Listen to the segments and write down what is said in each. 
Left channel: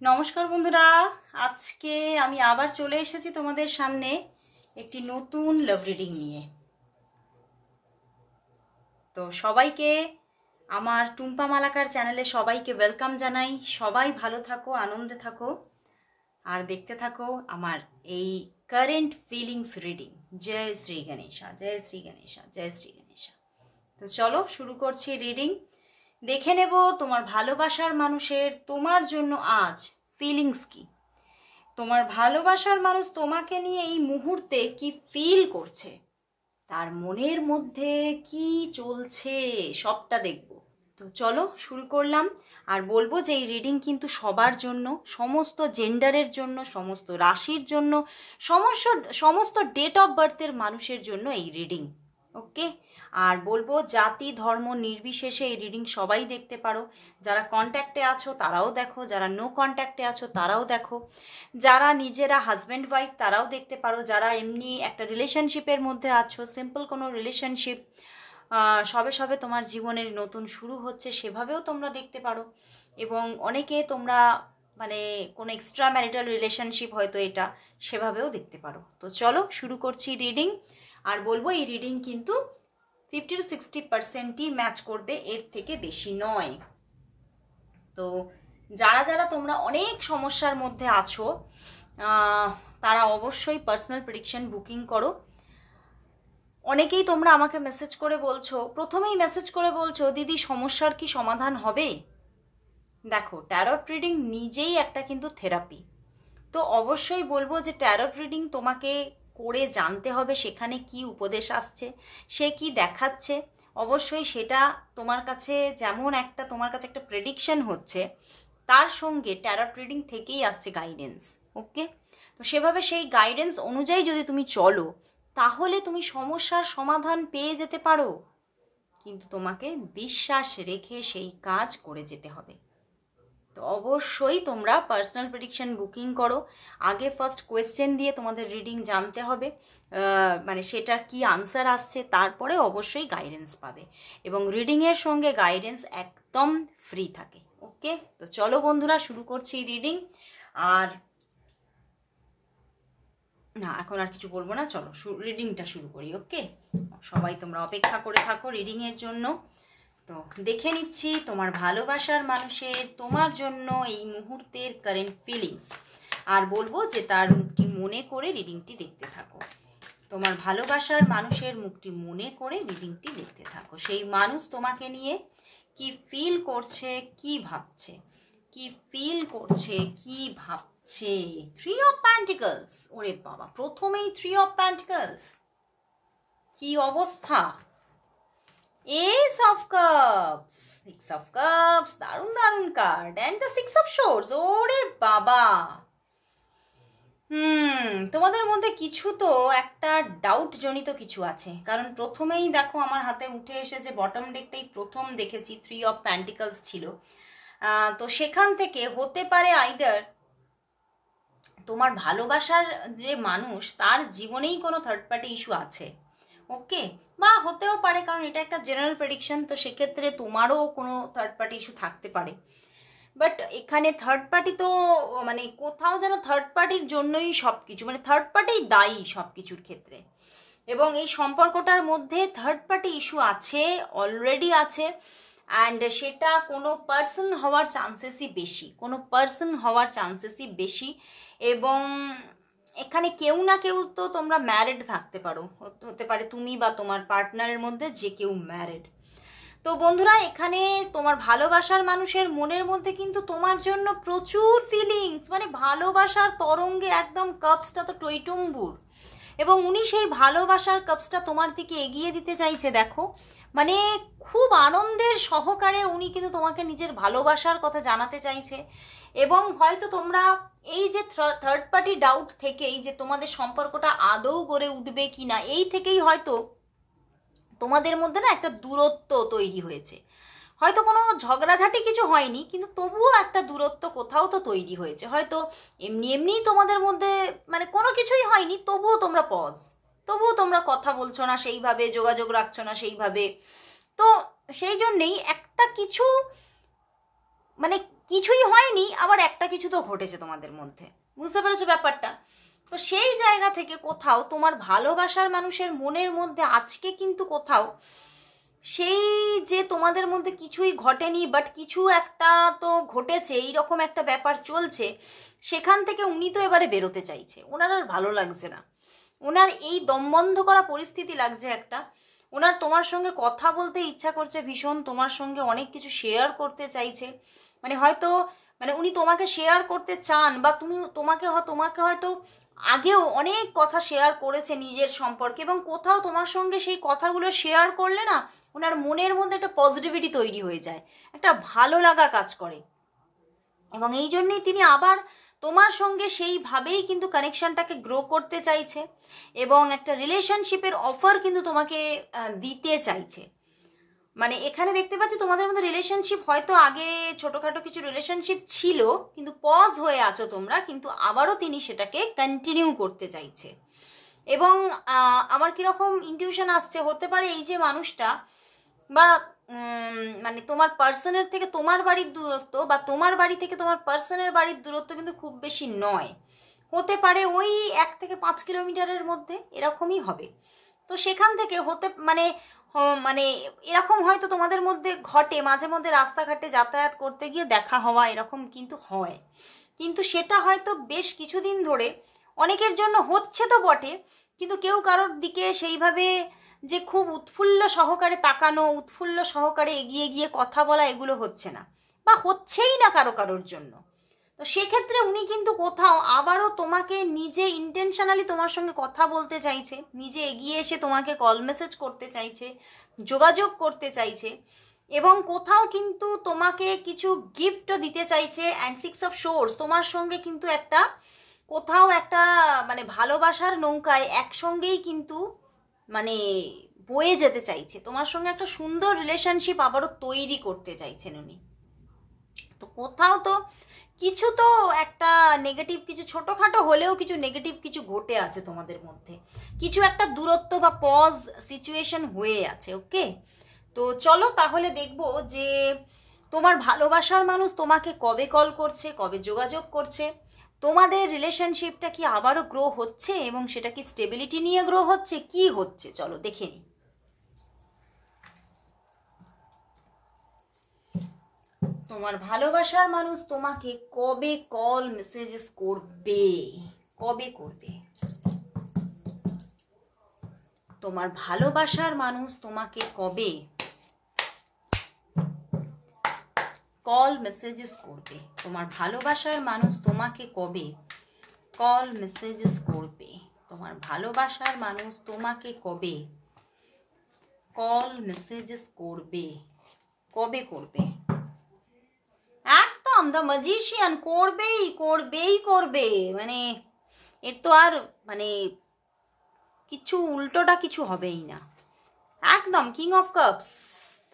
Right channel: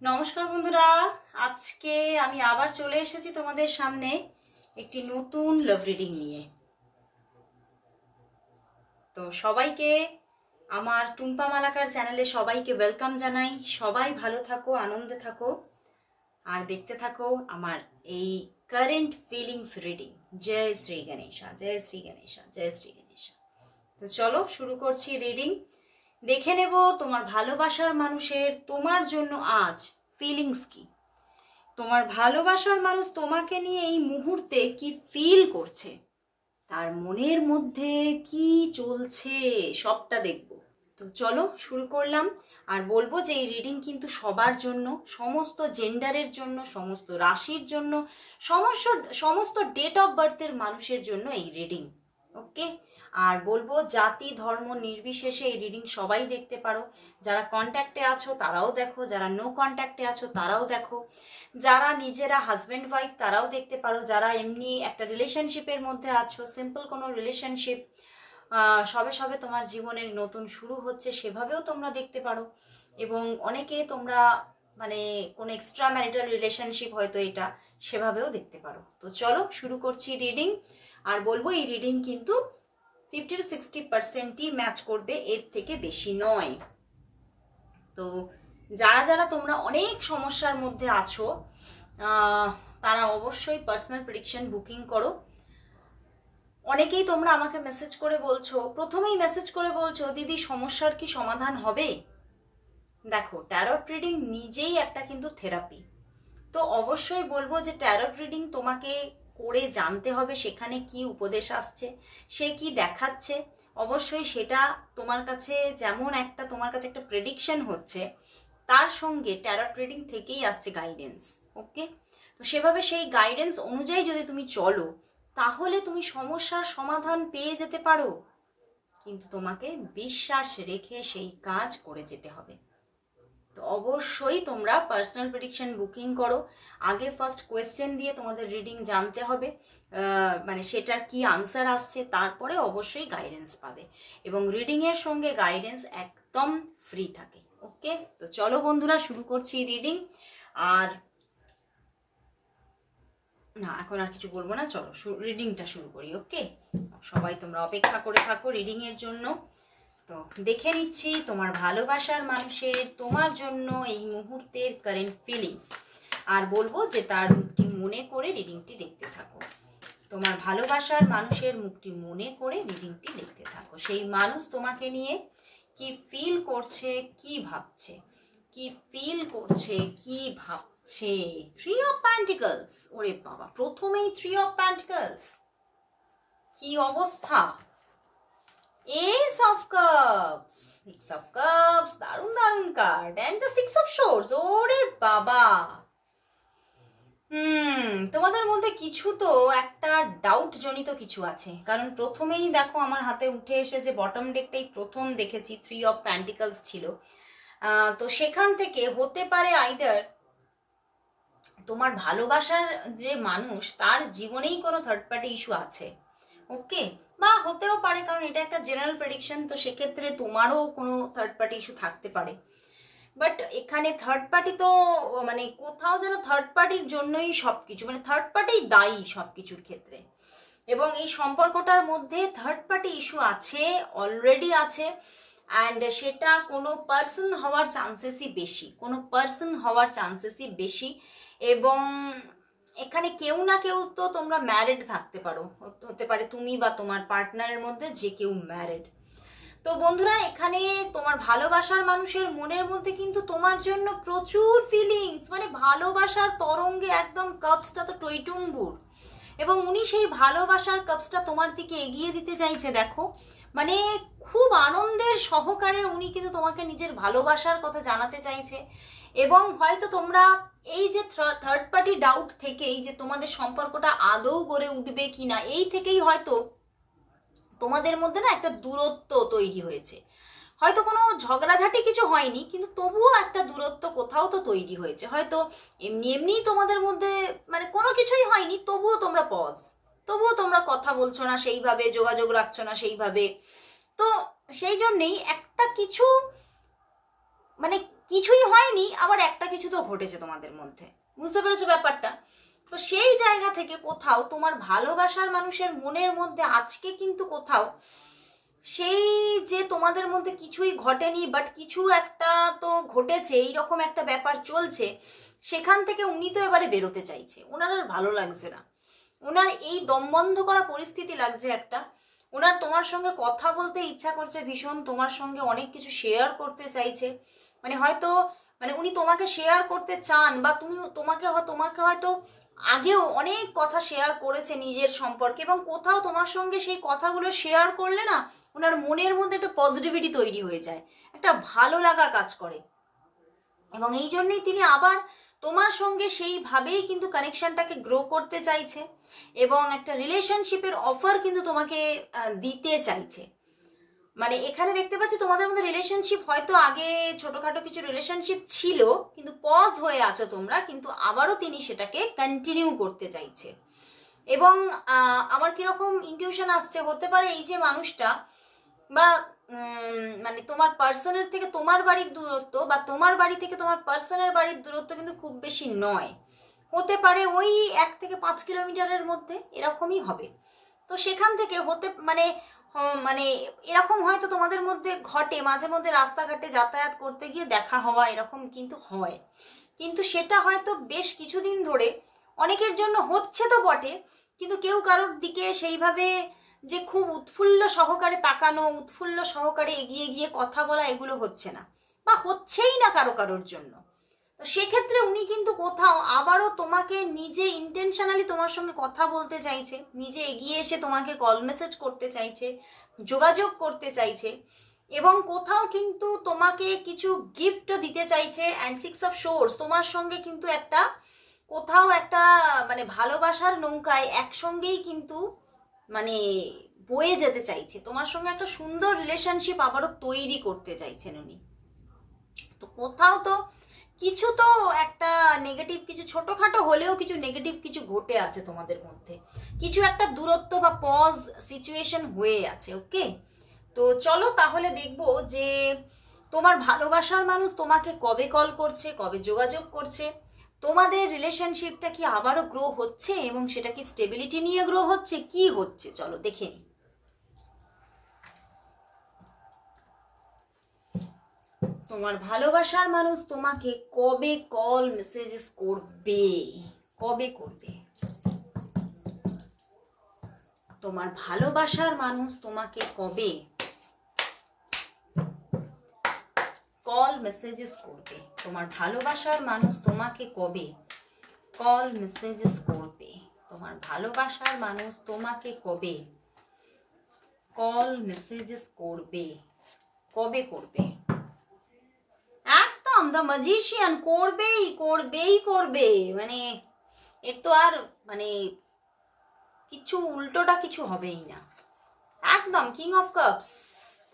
নমস্কার বন্ধুরা, আজকে আমি আবার চলে এসেছি তোমাদের সামনে একটি নতুন লাভ রিডিং নিয়ে। তো সবাইকে আমার টুম্পা মালাকার চ্যানেলে সবাইকে ওয়েলকাম জানাই। সবাই ভালো থাকো, আনন্দে থাকো আর দেখতে থাকো আমার এই কারেন্ট ফিলিংস রিডিং। জয় শ্রী গণেশা, জয় শ্রী গণেশা, জয় শ্রী গণেশা। তো চলো শুরু করছি রিডিং। দেখে নেব তোমার ভালোবাসার মানুষের তোমার জন্য আজ ফিলিংস কি। তোমার ভালোবাসার মানুষ তোমাকে নিয়ে এই মুহূর্তে কি ফিল করছে, তার মনের মধ্যে কি চলছে, সবটা দেখব। তো চলো শুরু করলাম। আর বলবো যে এই রিডিং কিন্তু সবার জন্য, সমস্ত জেন্ডারের জন্য, সমস্ত রাশির জন্য, সমস্ত ডেট অফ বার্থের মানুষের জন্য এই রিডিং। ওকে। আর বলবো জাতি ধর্ম নির্বিশেষে এই রিডিং সবাই দেখতে পারো। যারা কন্ট্যাক্টে আছো তারাও দেখো, যারা নো কন্ট্যাক্টে আছো তারাও দেখো, যারা নিজেরা হাজব্যান্ড ওয়াইফ তারাও দেখতে পারো, যারা এমনি একটা রিলেশনশিপের মধ্যে আছো, সিম্পল কোনো রিলেশনশিপ, সবে সবে তোমার জীবনের নতুন শুরু হচ্ছে, সেভাবেও তোমরা দেখতে পারো। এবং অনেকে তোমরা মানে কোনো এক্সট্রা ম্যারিটাল রিলেশনশিপ হয়তো এটা, সেভাবেও দেখতে পারো। তো চলো শুরু করছি রিডিং। আর বলবো এই রিডিং কিন্তু 50 to 60%ই ম্যাচ করবে, এর থেকে বেশি নয়। তো যারা যারা তোমরা অনেক সমস্যার মধ্যে আছো তারা অবশ্যই পার্সোনাল প্রেডিকশন বুকিং করো। অনেকেই তোমরা আমাকে মেসেজ করে বলছো, প্রথমেই মেসেজ করে বলছো দিদি সমস্যার কি সমাধান হবে। দেখো, ট্যারট রিডিং নিজেই একটা কিন্তু থেরাপি। তো অবশ্যই বলবো যে ট্যারট রিডিং তোমাকে করে জানতে হবে সেখানে কি উপদেশ আসছে, সে কি দেখাচ্ছে। অবশ্যই সেটা তোমার কাছে যেমন একটা তোমার কাছে একটা প্রেডিকশন হচ্ছে, তার সঙ্গে ট্যারট রিডিং থেকেই আসছে গাইডেন্স। ওকে। তো সেভাবে সেই গাইডেন্স অনুযায়ী যদি তুমি চলো তাহলে তুমি সমস্যার সমাধান পেয়ে যেতে পারো, কিন্তু তোমাকে বিশ্বাস রেখে সেই কাজ করে যেতে হবে। তো অবশ্যই তোমরা পার্সোনাল প্রেডিকশন বুকিং করো। আগে ফার্স্ট কোয়েশ্চেন দিয়ে তোমাদের রিডিং জানতে হবে, মানে সেটার কি আনসার আসছে, তারপরে অবশ্যই গাইডেন্স পাবে। এবং রিডিংয়ের সঙ্গে গাইডেন্স একদম ফ্রি থাকে। ওকে। তো চলো বন্ধুরা শুরু করছি রিডিং। আর না, এখন আর কিছু বলবো না, চলো রিডিংটা শুরু করি। ওকে। সবাই তোমরা অপেক্ষা করে থাকো রিডিংয়ের জন্য। তো দেখে নিচ্ছি তোমার ভালোবাসার মানুষের তোমার জন্য এই মুহূর্তের কারেন্ট ফিলিংস। আর বলবো যে তার মুখটি মনে করে রিডিংটি দেখতে থাকো। তোমার ভালোবাসার মানুষের মুখটি মনে করে রিডিংটি দেখতে থাকো। সেই মানুষ তোমাকে নিয়ে কি ফিল করছে, কি ভাবছে, কি ফিল করছে, কি ভাবছে। 3 অফ পেন্টিকলস। ওরে বাবা, প্রথমেই 3 অফ পেন্টিকলস, কি অবস্থা। Ace of Cups, 6 of Cups, দারুণ দারুণ card, and the 6 of Swords। ওরে বাবা, তোমাদের মধ্যে কিছু তো একটা ডাউট জনিত কিছু আছে। কারণ প্রথমেই দেখো আমার হাতে উঠে এসেছে, বটম ডেকটাই প্রথম দেখেছি 3 অফ পেন্টিকলস ছিল। তো সেখান থেকে হতে পারে আইদার তোমার ভালোবাসার যে মানুষ তার জীবনেই কোনো থার্ড পার্টি ইস্যু আছে। ওকে। বা হতেও পারে, কারণ এটা একটা জেনারেল প্রেডিকশন, তো সেক্ষেত্রে তোমারও কোনো থার্ড পার্টি ইস্যু থাকতে পারে। বাট এখানে থার্ড পার্টি তো মানে কোথাও যেন থার্ড পার্টির জন্যই সব কিছু, মানে থার্ড পার্টি দায়ী সব কিছুর ক্ষেত্রে। এবং এই সম্পর্কটার মধ্যে থার্ড পার্টি ইস্যু আছে, অলরেডি আছে। অ্যান্ড সেটা কোনো পার্সন হওয়ার চান্সেসই বেশি, কোনো পার্সন হওয়ার চান্সেসই বেশি। এবং এখানে কেউ না কেউ তো তোমরা ম্যারিড থাকতে পারো, হতে পারে তুমি বা তোমার পার্টনারের মধ্যে যে কেউ ম্যারিড। তো বন্ধুরা, এখানে তোমার ভালোবাসার মানুষের মনের মধ্যে কিন্তু তোমার জন্য প্রচুর ফিলিংস, মানে ভালোবাসার তরঙ্গে একদম কাপসটা তো টইটুম্বুর। এবং উনি সেই ভালোবাসার কাপসটা তোমার দিকে এগিয়ে দিতে চাইছে। দেখো, মানে খুব আনন্দের সহকারে উনি কিন্তু তোমাকে নিজের ভালোবাসার কথা জানাতে চাইছে। এবং হয়তো তোমরা এই যে থার্ড পার্টি ডাউট থেকেই যে তোমাদের সম্পর্কটা আদৌ গড়ে উঠবে কিনা, এই থেকেই হয়তো তোমাদের মধ্যে না একটা দূরত্ব তৈরি হয়েছে। হয়তো কোনো ঝগড়াঝাটি কিছু হয়নি, কিন্তু তবুও একটা দূরত্ব কোথাও তো তৈরি হয়েছে। হয়তো এমনি এমনি তোমাদের মধ্যে মানে কোনো কিছুই হয়নি, তবুও তোমরা তবুও তোমরা কথা বলছো না সেইভাবে, যোগাযোগ রাখছো না সেইভাবে। তো সেই জন্যেই একটা কিছু মানে কিছুই হয়নি, আবার একটা কিছু তো ঘটেছে তোমাদের মধ্যে, বুঝতে পেরেছো ব্যাপারটা? তো সেই জায়গা থেকে কোথাও তোমার ভালোবাসার মানুষের মনের মধ্যে আজকে কিন্তু কোথাও সেই যে তোমাদের মধ্যে কিছুই ঘটেনি বাট কিছু একটা তো ঘটেছে, এইরকম একটা ব্যাপার চলছে, সেখান থেকে উনি তো এবারে বেরোতে চাইছে, ওনার আর ভালো লাগছে না, ওনার এই দমবন্ধ করা পরিস্থিতি লাগছে একটা, ওনার তোমার সঙ্গে কথা বলতে ইচ্ছা করছে ভীষণ, তোমার সঙ্গে অনেক কিছু শেয়ার করতে চাইছে, মানে হয়তো মানে উনি তোমাকে শেয়ার করতে চান বা তোমাকে হয়তো আগেও অনেক কথা শেয়ার করেছে নিজের সম্পর্কে, এবং কোথাও তোমার সঙ্গে সেই কথাগুলো শেয়ার করলে না ওনার মনের মধ্যে একটা পজিটিভিটি তৈরি হয়ে যায়, একটা ভালো লাগা কাজ করে, এবং এই জন্যই তিনি আবার তোমার সঙ্গে সেইভাবেই কিন্তু কানেকশনটাকে গ্রো করতে চাইছে, এবং একটা রিলেশনশিপের অফার কিন্তু তোমাকে দিতে চাইছে। মানে এখানে দেখতে পাচ্ছি তোমাদের মধ্যে রিলেশনশিপ হয়তো আগে ছোটখাটো কিছু রিলেশনশিপ ছিল, কিন্তু পজ হয়ে আছো তোমরা, কিন্তু আবারও তিনি সেটাকে কন্টিনিউ করতে চাইছে। এবং আমার কিরকম ইনটিউশন আসছে, হতে পারে এই যে মানুষটা বা মানে তোমার পার্সনের থেকে তোমার বাড়ির দূরত্ব বা তোমার বাড়ি থেকে তোমার পার্সনের বাড়ির দূরত্ব কিন্তু খুব বেশি নয়, হতে পারে ওই 1 থেকে 5 কিলোমিটারের মধ্যে এরকমই হবে। তো সেখান থেকে হতে মানে মানে এরকম হয়তো তোমাদের মধ্যে ঘটে, মাঝে মধ্যে রাস্তাঘাটে যাতায়াত করতে গিয়ে দেখা হওয়া এরকম কিন্তু হয়, কিন্তু সেটা হয়তো বেশ কিছুদিন ধরে অনেকের জন্য হচ্ছে তো বটে, কিন্তু কেউ কারোর দিকে সেইভাবে যে খুব উৎফুল্ল সহকারে তাকানো, উৎফুল্ল সহকারে এগিয়ে গিয়ে কথা বলা এগুলো হচ্ছে না, বা হচ্ছেই না কারোর জন্য। তো সেক্ষেত্রে উনি কিন্তু কোথাও আবারও তোমাকে নিজে ইন্টেনশনালি তোমার সঙ্গে কথা বলতে চাইছে, নিজে এগিয়ে এসে তোমাকে কল মেসেজ করতে চাইছে, যোগাযোগ করতে চাইছে, এবং কোথাও কিন্তু তোমাকে কিছু গিফটও দিতে চাইছে। অ্যান্ড 6 অফ সোর্স তোমার সঙ্গে কিন্তু একটা কোথাও একটা মানে ভালোবাসার নৌকায় একসঙ্গেই কিন্তু মানে বয়ে যেতে চাইছে, তোমার সঙ্গে একটা সুন্দর রিলেশনশিপ আবারও তৈরি করতে চাইছেন উনি। তো কোথাও তো কিছু তো একটা নেগেটিভ, কিছু ছোটখাটো হলেও কিছু নেগেটিভ কিছু ঘটে আছে তোমাদের মধ্যে, কিছু একটা দূরত্ব বা পজ সিচুয়েশন হয়ে আছে। ওকে, তো চলো তাহলে দেখবো যে তোমার ভালোবাসার মানুষ তোমাকে কবে কল করছে, কবে যোগাযোগ করছে, তোমাদের রিলেশনশিপটা কি আবারও গ্রো হচ্ছে, এবং সেটা কি স্টেবিলিটি নিয়ে গ্রো হচ্ছে, কি হচ্ছে চলো দেখে নিই। তোমার ভালোবাসার মানুষ তোমাকে কবে কল মেসেজেস করবে, কবে করবে? তোমার ভালোবাসার মানুষ তোমাকে কবে কল মেসেজেস করবে? তোমার ভালোবাসার মানুষ তোমাকে কবে কল মেসেজেস করবে? তোমার ভালোবাসার মানুষ তোমাকে কবে কল মেসেজেস করবে? কবে করবে? একদম দ্য ম্যাজিশিয়ান, করবেই করবেই করবে, মানে এর তো আর মানে কিছু উল্টোটা কিছু হবেই না, একদম king of cups,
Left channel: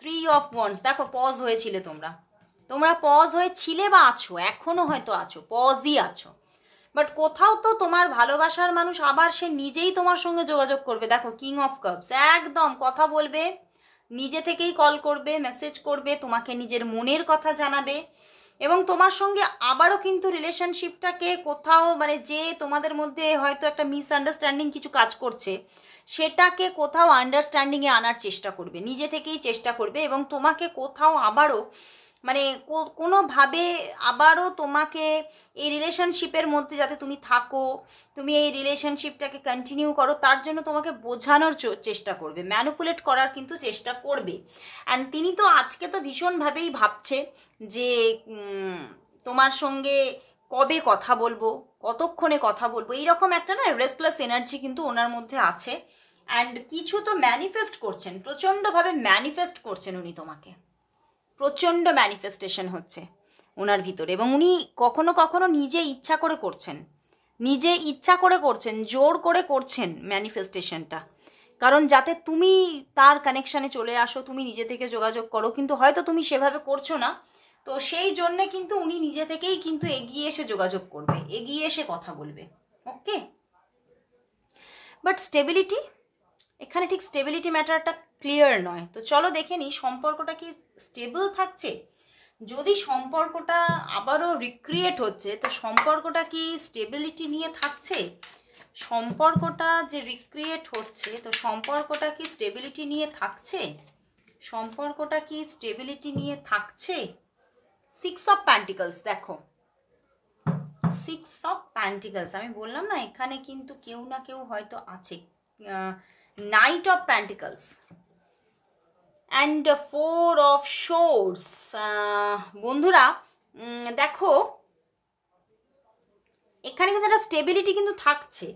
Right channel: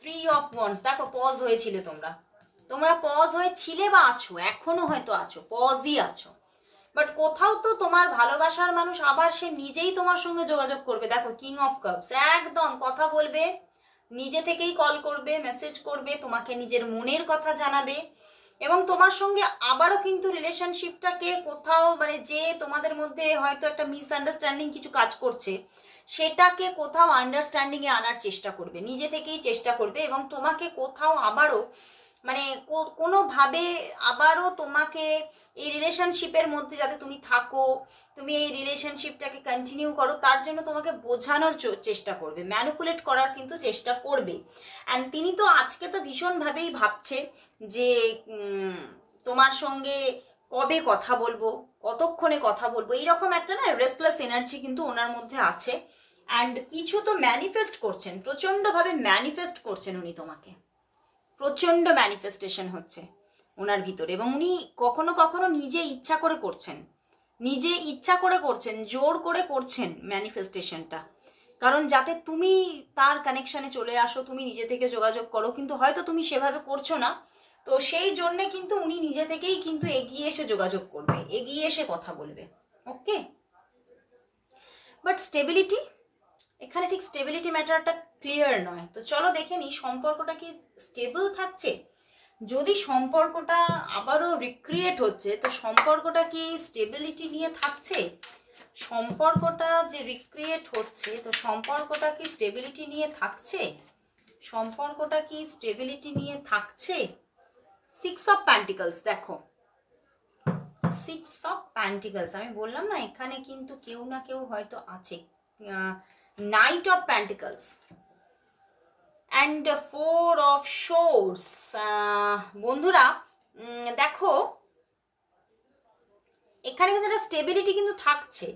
3 of wands. দেখো পজ হয়েছিলে তোমরা পজ হয়েছিলে বা আছো, এখনো হয়তো আছো, পজই আছো, বাট কোথাও তো তোমার ভালোবাসার মানুষ আবার সে নিজেই তোমার সঙ্গে যোগাযোগ করবে। দেখো কিং অফ কাপস, একদম কথা বলবে, নিজে থেকেই কল করবে, মেসেজ করবে, তোমাকে নিজের মনের কথা জানাবে, এবং তোমার সঙ্গে আবারও কিন্তু রিলেশনশিপটাকে কোথাও মানে যে তোমাদের মধ্যে হয়তো একটা মিসআন্ডারস্ট্যান্ডিং কিছু কাজ করছে, সেটাকে কোথাও আন্ডারস্ট্যান্ডিংয়ে আনার চেষ্টা করবে, নিজে থেকেই চেষ্টা করবে, এবং তোমাকে কোথাও আবারও মানে কোনোভাবে আবারও তোমাকে এই রিলেশনশিপের মধ্যে যাতে তুমি থাকো, তুমি এই রিলেশনশিপটাকে কন্টিনিউ করো, তার জন্য তোমাকে বোঝানোর চেষ্টা করবে, ম্যানিপুলেট করার কিন্তু চেষ্টা করবে। অ্যান্ড তিনি তো আজকে তো ভীষণভাবেই ভাবছে যে তোমার সঙ্গে কবে কথা বলবো, কতক্ষণে কথা বলবো, এইরকম একটা না রেস্টলেস এনার্জি কিন্তু ওনার মধ্যে আছে। অ্যান্ড কিছু তো ম্যানিফেস্ট করছেন, প্রচণ্ডভাবে ম্যানিফেস্ট করছেন উনি তোমাকে, প্রচণ্ড ম্যানিফেস্টেশন হচ্ছে ওনার ভিতরে, এবং উনি কখনো কখনো নিজে ইচ্ছা করে করছেন, নিজে ইচ্ছা করে করছেন, জোর করে করছেন ম্যানিফেস্টেশনটা, কারণ যাতে তুমি তার কানেকশানে চলে আসো, তুমি নিজে থেকে যোগাযোগ করো, কিন্তু হয়তো তুমি সেভাবে করছো না, তো সেই জন্যে কিন্তু উনি নিজে থেকেই কিন্তু এগিয়ে এসে যোগাযোগ করবে, এগিয়ে এসে কথা বলবে। ওকে, বাট স্টেবিলিটি, এখানে ঠিক স্টেবিলিটি ম্যাটারটা ক্লিয়ার নয়। তো চলো দেখে নিই সম্পর্কটা কি স্টেবল থাকছে, যদি সম্পর্কটা আবারও রিক্রিয়েট হচ্ছে, তো সম্পর্কটা কি স্টেবিলিটি নিয়ে থাকছে? সম্পর্কটা যে রিক্রিয়েট হচ্ছে, তো সম্পর্কটা কি স্টেবিলিটি নিয়ে থাকছে? সম্পর্কটা কি স্টেবিলিটি নিয়ে থাকছে? 6 অফ প্যান্টিকলস, দেখো 6 অফ প্যান্টিকলস, আমি বললাম না এখানে কিন্তু কেউ না কেউ হয়তো আছে। Night of pentacles and 4 of swords. বন্ধুরা দেখো এখানে কিন্তু একটা স্টেবিলিটি কিন্তু থাকছে।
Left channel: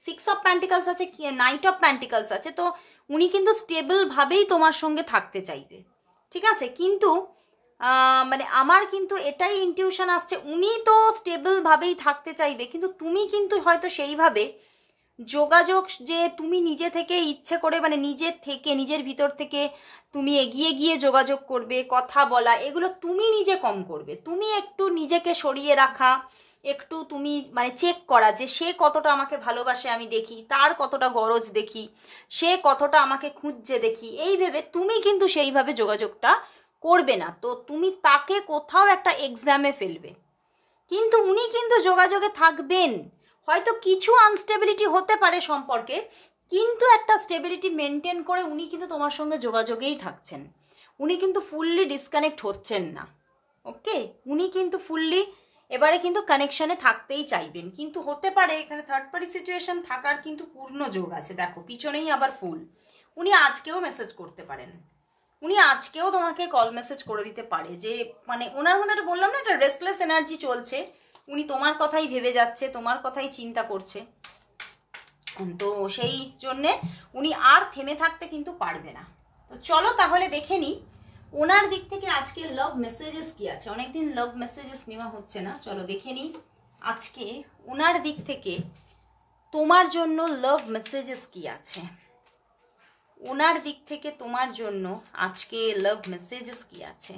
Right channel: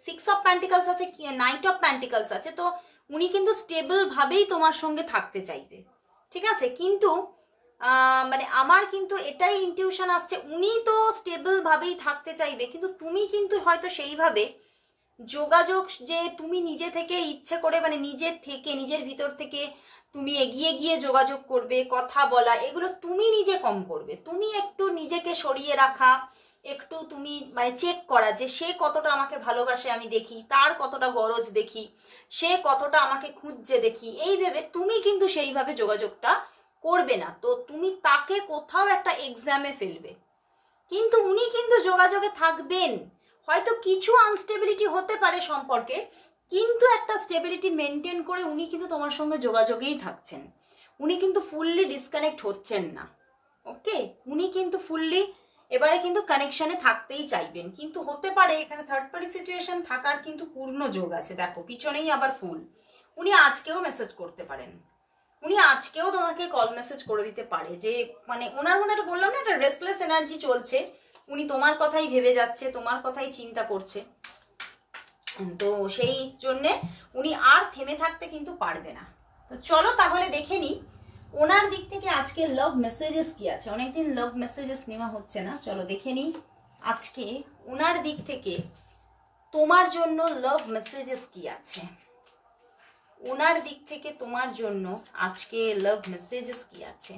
6 অফ প্যান্টিকলস আছে, নাইট অফ প্যান্টিকলস আছে, তো উনি কিন্তু স্টেবল ভাবেই তোমার সঙ্গে থাকতে চাইবে, ঠিক আছে? কিন্তু মানে আমার কিন্তু এটাই ইনটিউশন আসছে, উনি তো স্টেবল ভাবেই থাকতে চাইবে, কিন্তু তুমি কিন্তু হয়তো সেইভাবে যোগাযোগ যে তুমি নিজে থেকে ইচ্ছে করে, মানে নিজের থেকে নিজের ভিতর থেকে তুমি এগিয়ে গিয়ে যোগাযোগ করবে, কথা বলা, এগুলো তুমি নিজে কম করবে। তুমি একটু নিজেকে সরিয়ে রাখা, একটু তুমি মানে চেক করা যে সে কতটা আমাকে ভালোবাসে আমি দেখি, তার কতটা গরজ দেখি, সে কতটা আমাকে খুঁজছে দেখি, এই ভেবে তুমি কিন্তু সেইভাবে যোগাযোগটা করবে না। তো তুমি তাকে কোথাও একটা এক্সামে ফেলবে, কিন্তু উনি কিন্তু যোগাযোগে থাকবেন। হয়তো কিছু আনস্টেবিলিটি হতে পারে সম্পর্কে, কিন্তু একটা স্টেবিলিটি মেনটেন করে উনি কিন্তু তোমার সঙ্গে যোগাযোগেই থাকছেন। উনি কিন্তু ফুললি ডিসকানেক্ট হচ্ছেন না, ওকে? উনি কিন্তু ফুললি এবারে কিন্তু কানেকশনে থাকতেই চাইবেন, কিন্তু হতে পারে এখানে থার্ড পার্টি সিচুয়েশন থাকার কিন্তু পূর্ণ যোগ আছে। দেখো পিছনেই আবার ফুল, উনি আজকেও মেসেজ করতে পারেন, উনি আজকেও তোমাকে কল মেসেজ করে দিতে পারে, যে মানে ওনার মধ্যে একটা বললাম না একটা রেস্টলেস এনার্জি চলছে, উনি তোমার কথাই ভেবে যাচ্ছে, তোমার কথাই চিন্তা করছে। তো সেই জন্যে উনি আর থেমে থাকতে কিন্তু পারবে না। তো চলো তাহলে দেখে নিই ওনার দিক থেকে আজকে লাভ মেসেজেস কি আছে। অনেকদিন লাভ মেসেজেস নেওয়া হচ্ছে না, চলো দেখে নিই আজকে ওনার দিক থেকে তোমার জন্য লাভ মেসেজেস কি আছে। ওনার দিক থেকে তোমার জন্য আজকে লাভ মেসেজেস কি আছে।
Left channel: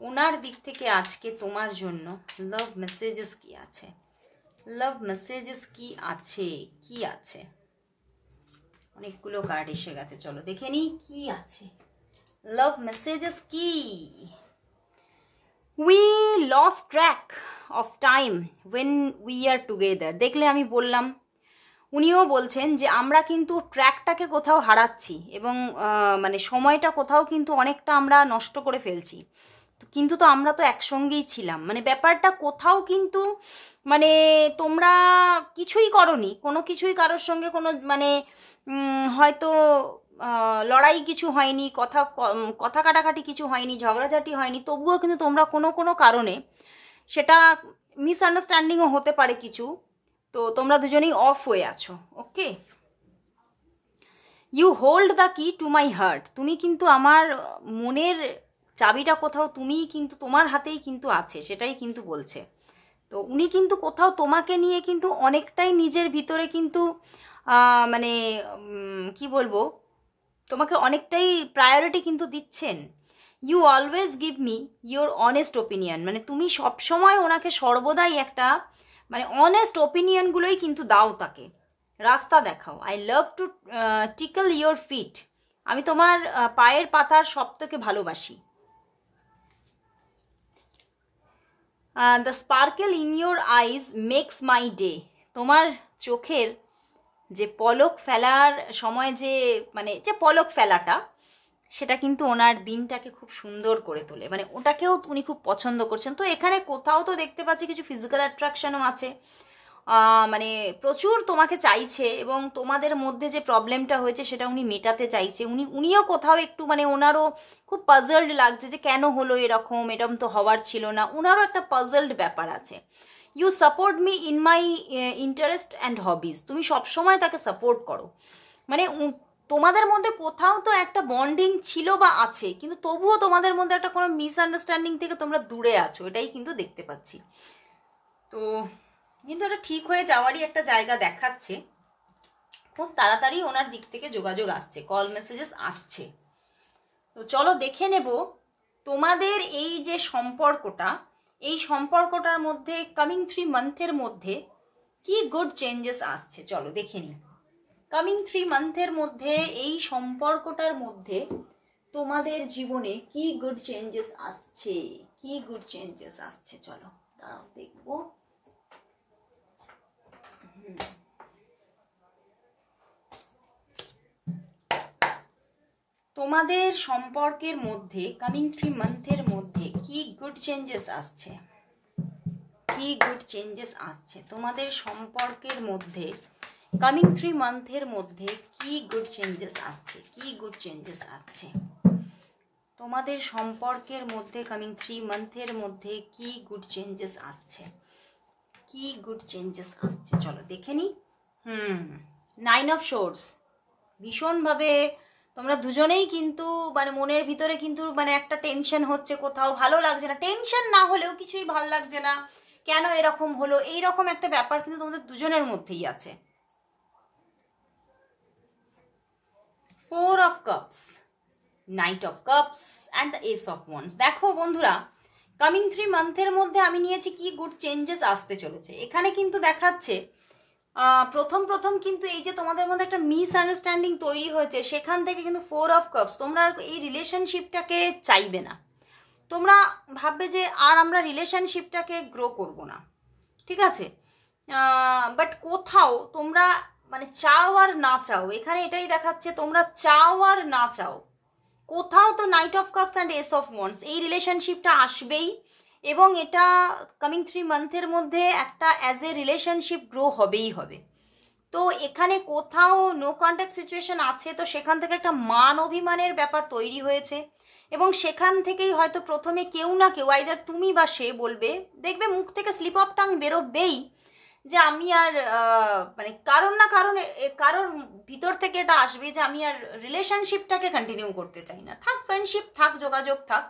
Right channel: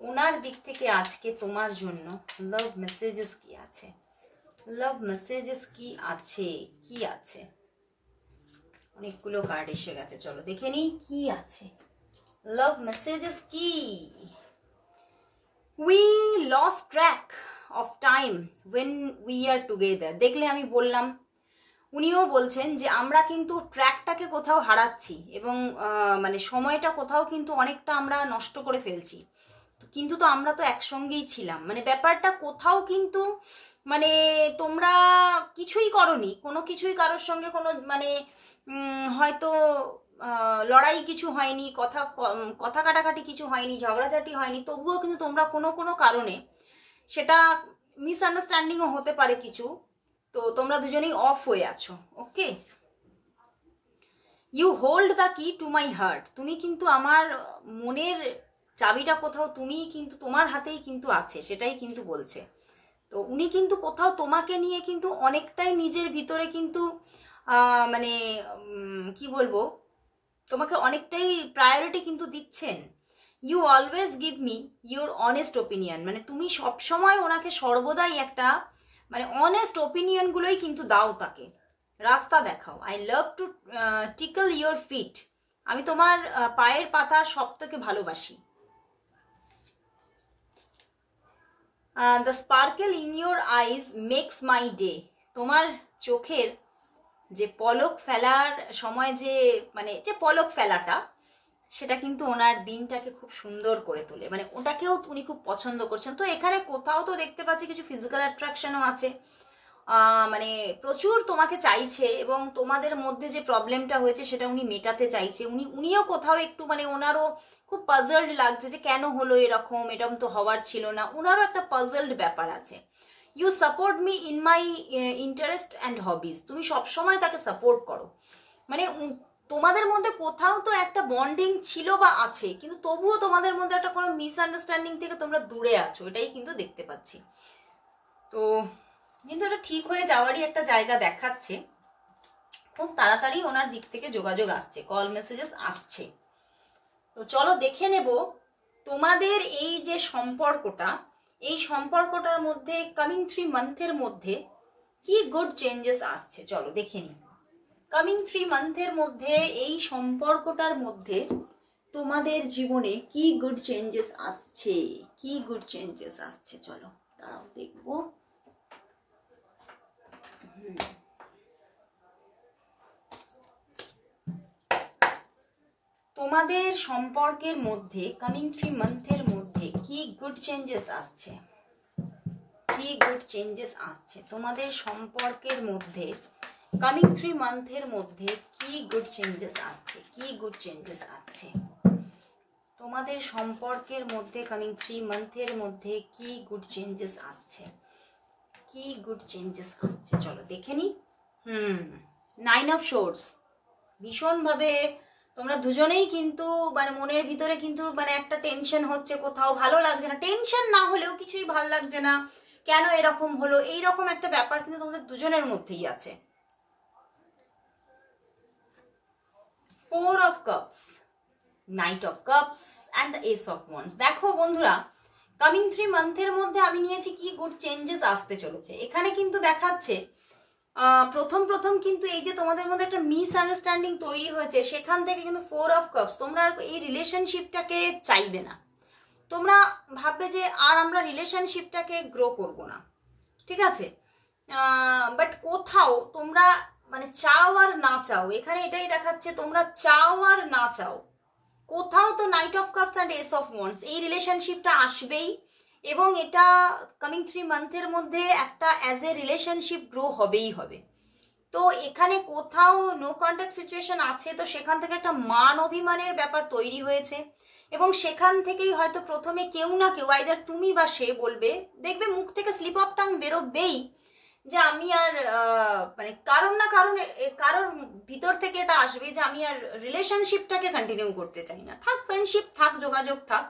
ওনার দিক থেকে আজকে তোমার জন্য লাভ মেসেজেস কি আছে। লাভ মেসেজেস কি আছে, কি আছে? অনেকগুলো কার্ড এসে গেছে, চলো দেখে নিই কি আছে। লাভ মেসেজেস কি? We lost track of time when we are together. দেখলে আমি বললাম, উনিও বলছেন যে আমরা কিন্তু ট্র্যাকটাকে কোথাও হারাচ্ছি, এবং মানে সময়টা কোথাও কিন্তু অনেকটা আমরা নষ্ট করে ফেলছি, কিন্তু তো আমরা তো একসঙ্গেই ছিলাম। মানে ব্যাপারটা কোথাও কিন্তু মানে তোমরা কিছুই করনি, কোনো কিছুই কারোর সঙ্গে কোনো মানে হয়তো লড়াই কিছু হয়নি, কথা কাটাকাটি কিছু হয়নি, ঝগড়াঝাটি হয়নি, তবুও কিন্তু তোমরা কোনো কোনো কারণে, সেটা মিসআন্ডারস্ট্যান্ডিংও হতে পারে কিছু, তো তোমরা দুজনেই অফ হয়ে আছো, ওকে? ইউ হোল্ড দ্য কি টু মাই হার্ট। তুমি কিন্তু আমার মনের চাবিটা কোথাও তুমিই কিন্তু, তোমার হাতেই কিন্তু আছে, সেটাই কিন্তু বলছে। তো উনি কিন্তু কোথাও তোমাকে নিয়ে কিন্তু অনেকটাই নিজের ভিতরে কিন্তু মানে কি বলবো, তোমাকে অনেকটাই প্রায়োরিটি কিন্তু দিচ্ছেন। You always give me your honest opinion. মানে তুমি সবসময় ওনাকে সর্বদাই একটা মানে অনেস্ট ওপিনিয়নগুলোই কিন্তু দাও, তাকে রাস্তা দেখাও। I love to tickle your feet. আমি তোমার পায়ের পাতার সব থেকে ভালোবাসি। The sparkle in your eyes makes my day. তোমার চোখের যে পলক ফেলার সময় যে মানে যে পলক ফেলাটা, সেটা কিন্তু ওনার দিনটাকে খুব সুন্দর করে তোলে, মানে ওটাকেও উনি খুব পছন্দ করছেন। তো এখানে কোথাও তো দেখতে পাচ্ছি কিছু ফিজিক্যাল অ্যাট্রাকশনও আছে, মানে প্রচুর তোমাকে চাইছে, এবং তোমাদের মধ্যে যে প্রবলেমটা হয়েছে সেটা উনি মেটাতে চাইছে। উনিও কোথাও একটু মানে ওনারও খুব পাজলড লাগছে যে কেন হলো এরকম, এরকম তো হওয়ার ছিল না, ওনারও একটা পাজলড ব্যাপার আছে। You support me in my interest and hobbies. তুমি সবসময় তাকে সাপোর্ট করো, মানে তোমাদের মধ্যে কোথাও তো একটা বন্ডিং ছিল বা আছে, কিন্তু তবুও তোমাদের মধ্যে একটা কোনো মিসআন্ডারস্ট্যান্ডিং থেকে তোমরা দূরে আছো, এটাই কিন্তু দেখতে পাচ্ছি। তো কিন্তু এটা ঠিক হয়ে যাওয়ারই একটা জায়গা দেখাচ্ছে, খুব তাড়াতাড়ি ওনার দিক থেকে যোগাযোগ আসছে, কল মেসেজেস আসছে। তো চলো দেখে নেব তোমাদের এই যে সম্পর্কটা, এই সম্পর্কটার মধ্যে কামিং 3 মান্থের মধ্যে কি গুড চেঞ্জেস আসছে। চলো দেখে নিই কামিং 3 মান্থের মধ্যে এই সম্পর্কটার মধ্যে তোমাদের জীবনে কি গুড চেঞ্জেস আসছে, কি গুড চেঞ্জেস আসছে, চলো দাঁড়াও দেখবো। তোমাদের সম্পর্কের মধ্যে কামিং 3 মান্থের মধ্যে কি গুড চেঞ্জেস আসছে, কি গুড চেঞ্জেস আসছে তোমাদের সম্পর্কের মধ্যে কামিং 3 মান্থের মধ্যে কি গুড চেঞ্জেস আসছে, কি গুড চেঞ্জেস আসছে তোমাদের সম্পর্কের মধ্যে কামিং 3 মান্থের মধ্যে কি গুড চেঞ্জেস আসছে, কি গুড চেঞ্জেস আসছে, চলো দেখে নি। 9 অফ সোর্স, ভীষণভাবে তোমরা দুজনেই কিন্তু মানে মনের ভিতরে কিন্তু মানে একটা টেনশন হচ্ছে, কোথাও ভালো লাগছে না, টেনশন না হলেও কিছুই ভালো লাগছে না, কেন এরকম হলো, এইরকম একটা ব্যাপার কিন্তু তোমাদের দুজনের মধ্যেই আছে। 4 of cups, night of cups and the S of wands. দেখো বন্ধুরা, কামিং 3 মান্থের মধ্যে আমি নিয়েছি কি গুড চেঞ্জেস আসতে চলেছে। এখানে কিন্তু দেখাচ্ছে প্রথম কিন্তু এই যে তোমাদের মধ্যে একটা মিসআন্ডারস্ট্যান্ডিং তৈরি হয়েছে, সেখান থেকে কিন্তু 4 অফ কাপস, তোমরা আর এই রিলেশনশিপটাকে চাইবে না, তোমরা ভাববে যে আর আমরা রিলেশনশিপটাকে গ্রো করব না, ঠিক আছে। বাট কোথাও তোমরা মানে চাও আর না চাও, এখানে এটাই দেখাচ্ছে তোমরা চাও আর না চাও, কোথাও তো night of cups and S of wands, এই রিলেশনশিপটা আসবেই এবং এটা কামিং 3 মান্থের মধ্যে একটা অ্যাজ এ রিলেশনশিপ গ্রো হবেই হবে। তো এখানে কোথাও নো কন্ট্যাক্ট সিচুয়েশন আছে, তো সেখান থেকে একটা মান অভিমানের ব্যাপার তৈরি হয়েছে এবং সেখান থেকেই হয়তো প্রথমে কেউ না কেউ, আইদার তুমি বা সে বলবে, দেখবে মুখ থেকে স্লিপ অফ টাং বেরোবেই যে আমি আর মানে কারণ না কারণ কারোর ভিতর থেকে এটা আসবে যে আমি আর রিলেশনশিপটাকে কন্টিনিউ করতে চাই না, থাক ফ্রেন্ডশিপ থাক, যোগাযোগ থাক,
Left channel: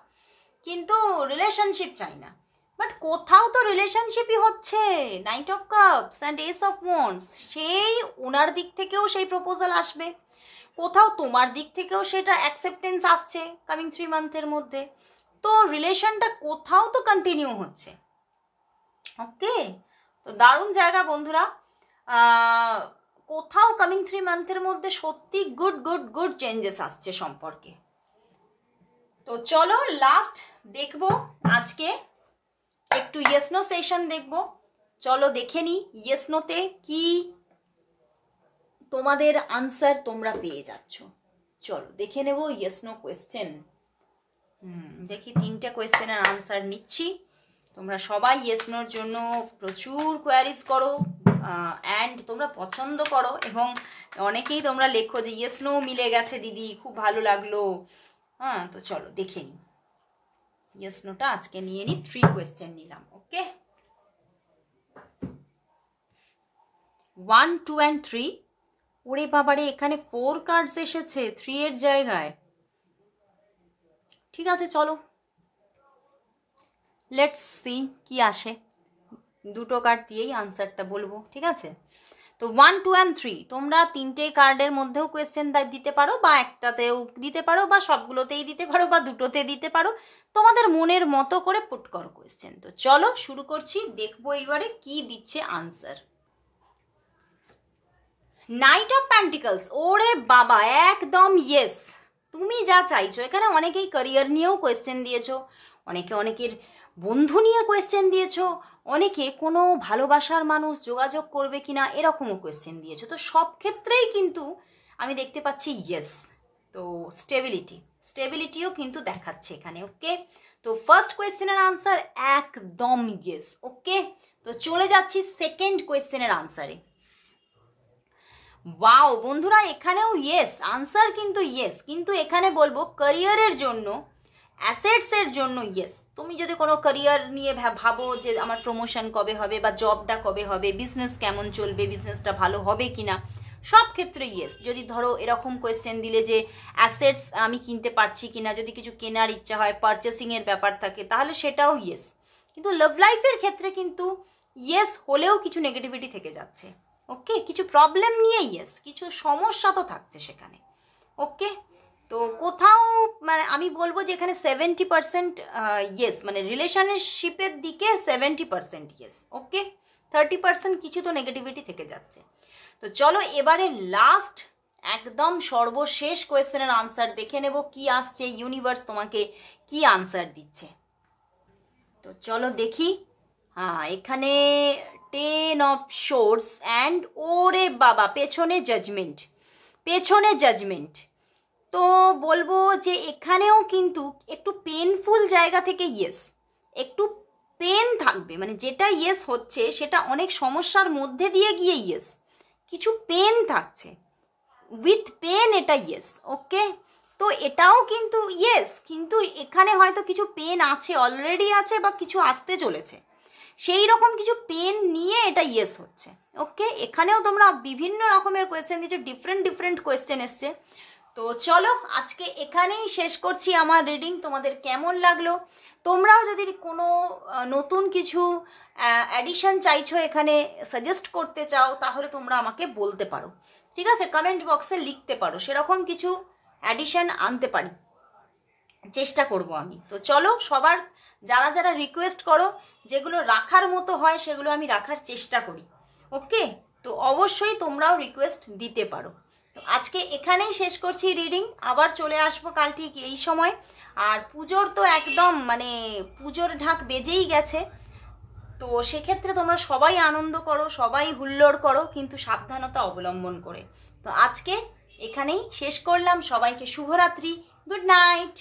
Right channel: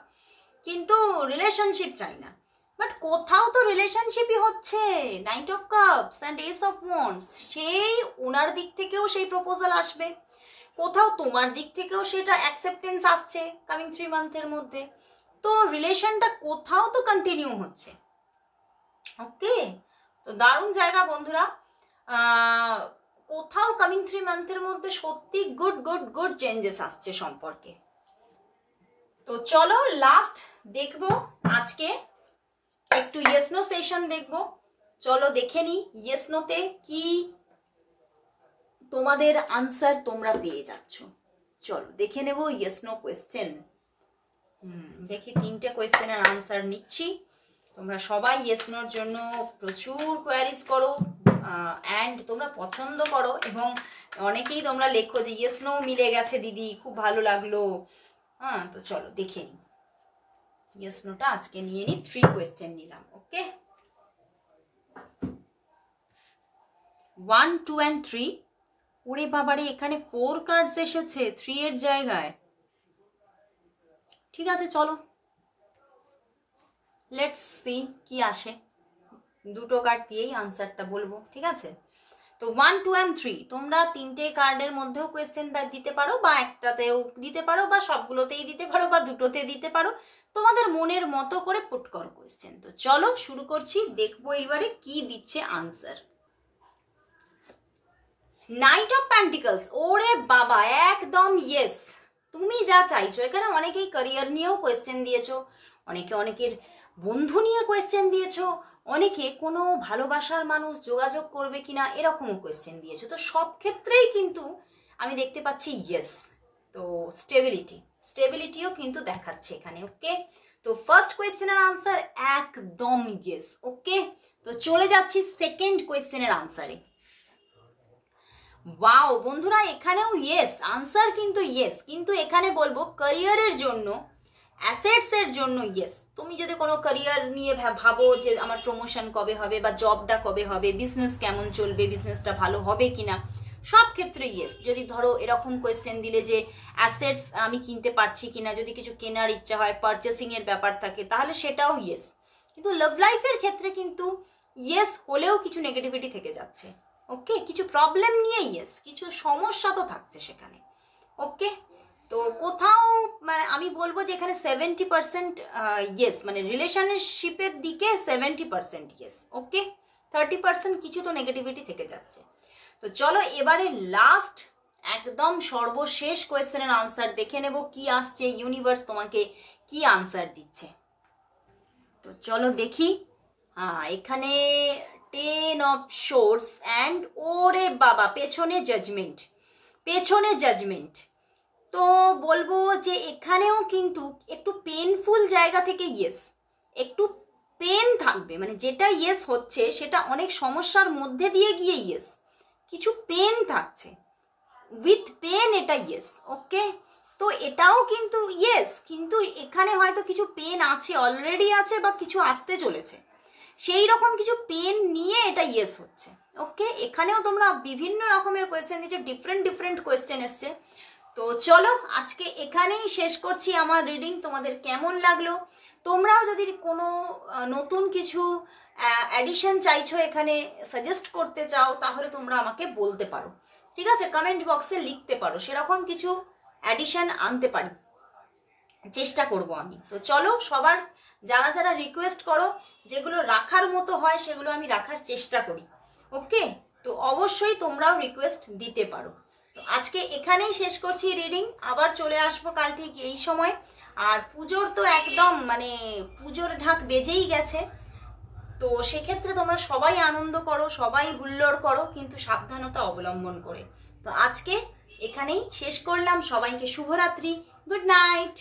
কিন্তু রিলেশনশিপ চাই না। বাট কোথাও তো রিলেশনশিপই হচ্ছে, night of cups and S of wands, সেই ওনার দিক থেকেও সেই প্রপোজাল আসবে, কোথাও তোমার দিক থেকেও সেটা অ্যাকসেপ্টেন্স আসছে কামিং 3 মান্থের মধ্যে, তো রিলেশনটা কোথাও তো কন্টিনিউ হচ্ছে। ওকে, তো দারুণ জায়গা বন্ধুরা, কোথাও কামিং 3 মান্থের মধ্যে সত্যি গুড গুড গুড চেঞ্জেস আসছে সম্পর্কে। তো চলো লাস্ট দেখবো আজকে একটু ইয়েস নো সেশন দেখবো, চলো দেখে নি ইয়েস নোতে কি তোমাদের আনসার তোমরা পেয়ে যাচ্ছ। চলো দেখে নেব ইয়েস নো কোয়েশ্চেন। দেখি 3টে কোয়েশ্চেনের আনসার নিচ্ছি। তোমরা সবাই ইয়েস নোর জন্য প্রচুর কোয়ারিজ করো অ্যান্ড তোমরা পছন্দ করো এবং অনেকেই তোমরা লেখো যে ইয়েস নো মিলে গেছে দিদি, খুব ভালো লাগলো। হ্যাঁ, তো চলো দেখে নিই ইয়েস নোটা আজকে নিয়ে নিই। 3 কোয়েশ্চেন নিলাম। ওকে, 1, 2 and 3। ওরে বাবারে, এখানে 4 কার্ডস এসেছে 3 এর জায়গায়। ঠিক আছে, চলো লেটস সি কি আসে। 2টো কার্ড দিয়েই আনসারটা বলবো, ঠিক আছে। তো 1, 2 and 3 তোমরা 3টে কার্ডের মধ্যেও কোয়েশ্চেন দিতে পারো, বা একটাতেও দিতে পারো, বা সবগুলোতেই দিতে পারো, বা দুটোতে দিতে পারো, তোমাদের মনের মতো করে পুট করো কোয়েশ্চেন। তো চলো শুরু করছি, দেখবো এবারে কি দিচ্ছে আনসার। নাইট অফ প্যান্টিকলস, ওরে বাবা একদম ইয়েস, তুমি যা চাইছো। এখানে অনেকেই ক্যারিয়ার নিয়েও কোয়েশ্চেন দিয়েছো, অনেকের বন্ধু নিয়ে কোয়েশ্চেন দিয়েছো, অনেকে কোনো ভালোবাসার মানুষ যোগাযোগ করবে কিনা এরকমও কোয়েশ্চেন দিয়েছো। তো সব ক্ষেত্রেই কিন্তু আমি দেখতে পাচ্ছি ইয়েস। তো স্টেবিলিটিও কিন্তু দেখাচ্ছে এখানে। ওকে, তো ফার্স্ট কোয়েশ্চেনের আনসার একদম ইয়েস। ওকে, তো চলে যাচ্ছি সেকেন্ড কোয়েশ্চেনের আনসারে। ওয়াও বন্ধুরা, এখানেও ইয়েস আনসার, কিন্তু ইয়েস, কিন্তু এখানে বলবো ক্যারিয়ারের জন্য, অ্যাসেটসের জন্য ইয়েস। তুমি যদি কোনো ক্যারিয়ার নিয়ে ভাবো যে আমার প্রমোশন কবে হবে, বা জবটা কবে হবে, বিজনেস কেমন চলবে, বিজনেসটা ভালো হবে কিনা, সব ক্ষেত্রে ইয়েস। যদি ধরো এরকম কোয়েশ্চেন দিলে যে অ্যাসেটস আমি কিনতে পারছি কিনা, যদি কিছু কেনার ইচ্ছা হয়, পারচেসিং এর ব্যাপার থাকে, তাহলে সেটাও ইয়েস। কিন্তু লাভ লাইফের ক্ষেত্রে কিন্তু ইয়েস হলেও কিছু নেগেটিভিটি থেকে যাচ্ছে। ওকে, কিছু প্রবলেম নিয়ে ইয়েস, কিছু সমস্যা তো থাকছে সেখানে। ওকে, তো কোথাও মানে আমি বলবো যে এখানে 70% ইয়েস, মানে রিলেশনশিপের দিকে 70% ইয়েস। ওকে, 30% কিছু তো নেগেটিভিটি থেকে যাচ্ছে। তো চলো এবারে লাস্ট একদম সর্বশেষ কোয়েশ্চেনের আনসার দেখে নেব কি আসছে, ইউনিভার্স তোমাকে কি আনসার দিচ্ছে। তো চলো দেখি। এখানে 10 অফ শোর্স অ্যান্ড ওরে বাবা পেছনে জাজমেন্ট, পেছনে জাজমেন্ট। তো বলবো যে এখানেও কিন্তু একটু পেনফুল জায়গা থেকে ইয়েস, একটু পেন থাকবে, মানে যেটা ইয়েস হচ্ছে সেটা অনেক সমস্যার মধ্যে দিয়ে গিয়ে ইয়েস, কিছু পেন থাকছে, উইথ পেন এটা ইয়েস। ওকে, তো এটাও কিন্তু ইয়েস, কিন্তু এখানে হয়তো কিছু পেন আছে, অলরেডি আছে, বা কিছু আসতে চলেছে, সেই রকম কিছু পেন নিয়ে এটা ইয়েস হচ্ছে। ওকে, এখানেও তোমরা বিভিন্ন রকমের কোয়েশ্চেন দিচ্ছ, ডিফারেন্ট ডিফারেন্ট কোয়েশ্চেন এসছে। তো চলো আজকে এখানেই শেষ করছি আমার রিডিং। তোমাদের কেমন লাগলো? তোমরাও যদি কোনো নতুন কিছু অ্যাডিশন চাইছো, এখানে সাজেস্ট করতে চাও, তাহলে তোমরা আমাকে বলতে পারো, ঠিক আছে? কমেন্ট বক্সে লিখতে পারো, সেরকম কিছু অ্যাডিশন আনতে পারি, চেষ্টা করব আমি। তো চলো, সবার যারা যারা রিকোয়েস্ট করো, যেগুলো রাখার মতো হয় সেগুলো আমি রাখার চেষ্টা করি। ওকে, তো অবশ্যই তোমরাও রিকোয়েস্ট দিতে পারো। তো আজকে এখানেই শেষ করছি রিডিং, আবার চলে আসবো কাল ঠিক এই সময়। আর পুজোর তো একদম মানে পুজোর ঢাক বেজেই গেছে, তো সেক্ষেত্রে তোমরা সবাই আনন্দ করো, সবাই হুল্লোড় করো, কিন্তু সাবধানতা অবলম্বন করে। তো আজকে এখানেই শেষ করলাম, সবাইকে শুভরাত্রি, গুড নাইট।